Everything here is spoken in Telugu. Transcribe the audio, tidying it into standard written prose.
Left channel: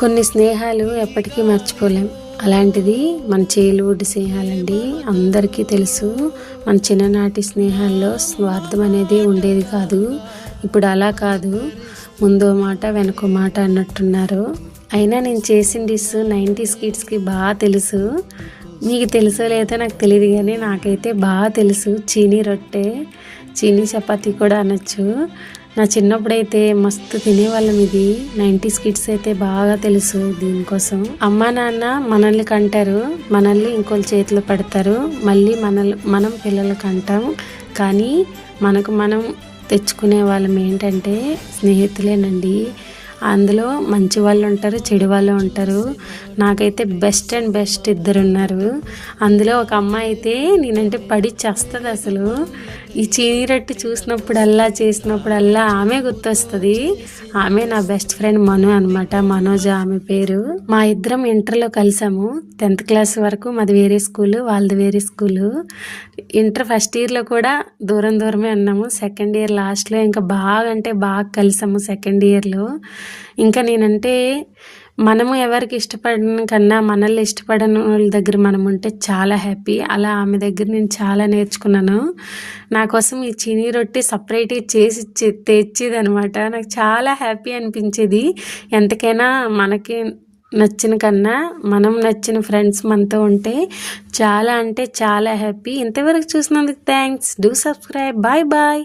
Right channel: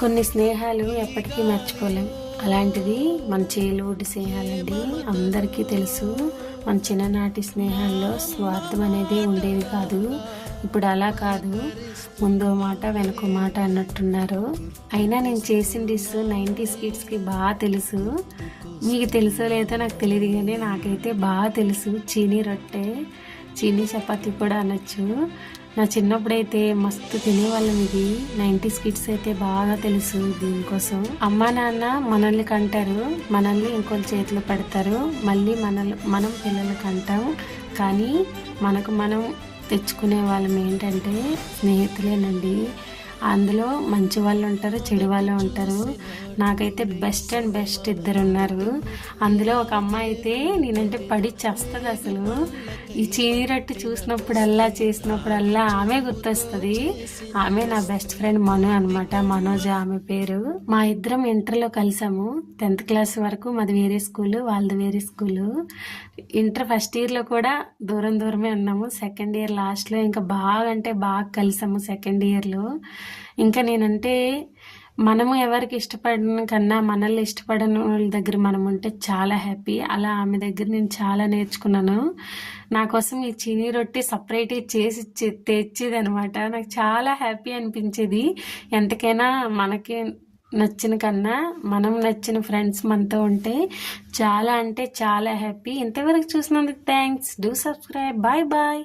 కొన్ని స్నేహాలు ఎప్పటికీ మర్చిపోలేం. అలాంటిది మన చైల్డ్‌హుడ్ స్నేహాలండి. అందరికీ తెలుసు. మన చిన్ననాటి స్నేహాల్లో స్వార్థం అనేది ఉండేది కాదు. ఇప్పుడు అలా కాదు. ముందో మాట వెనకో మాట అన్నట్టున్నారు. అయినా నేను చేసిన డిష్ 90s కిడ్స్‌కి తెలుసు. మీకు తెలుసో లేదో నాకు తెలియదు కానీ నాకైతే తెలుసు. చీనీ రొట్టె, చీనీ చపాతీ కూడా అనొచ్చు. నా చిన్నప్పుడైతే మస్తు తినేవాళ్ళం ఇది. 90s కిడ్స్ అయితే బాగా తెలుసు దీనికోసం. అమ్మా నాన్న మనల్ని కంటారు, మనల్ని ఇంకోళ్ళ చేతిలో పెడతారు, మళ్ళీ మనం పిల్లలకి అంటాం. కానీ మనకు మనం తెచ్చుకునే వాళ్ళం ఏంటంటే స్నేహితులేనండి. అందులో మంచి వాళ్ళు ఉంటారు, చెడు వాళ్ళు ఉంటారు. నాకైతే బెస్ట్ అండ్ బెస్ట్ ఇద్దరు ఉన్నారు. అందులో ఒక అమ్మాయి అయితే నేనంటే పడి చేస్తుంది అసలు. ఈ చీనీ రొట్టె చూసినప్పుడల్లా చేసినప్పుడల్లా ఆమె గుర్తొస్తుంది. ఆమె నా బెస్ట్ ఫ్రెండ్ మను అనమాట. మనోజ ఆమె పేరు. మా ఇద్దరం ఇంటర్లో కలిసాము. 10th క్లాస్ వరకు మాది వేరే స్కూలు, వాళ్ళది వేరే స్కూలు. ఇంటర్ ఫస్ట్ ఇయర్లో కూడా దూరమే ఉన్నాము. సెకండ్ ఇయర్ లాస్ట్లో ఇంకా బాగా అంటే బాగా కలిసాము సెకండ్ ఇయర్లో. ఇంకా నేనంటే మనము ఎవరికి ఇష్టపడిన కన్నా మనల్ని ఇష్టపడని వాళ్ళ దగ్గర మనం ఉంటే చాలా హ్యాపీ. అలా ఆమె దగ్గర నేను చాలా నేర్చుకున్నాను. నా కోసం ఈ చీనీ రొట్టె సపరేట్గా చేసి తెచ్చేది అనమాట. నాకు చాలా హ్యాపీ అనిపించేది. ఎంతకైనా మనకి నచ్చిన కన్నా మనం నచ్చిన ఫ్రెండ్స్ మనతో ఉంటే చాలా అంటే చాలా హ్యాపీ. ఇంతవరకు చూసినందుకు thanks. Do subscribe. Bye bye.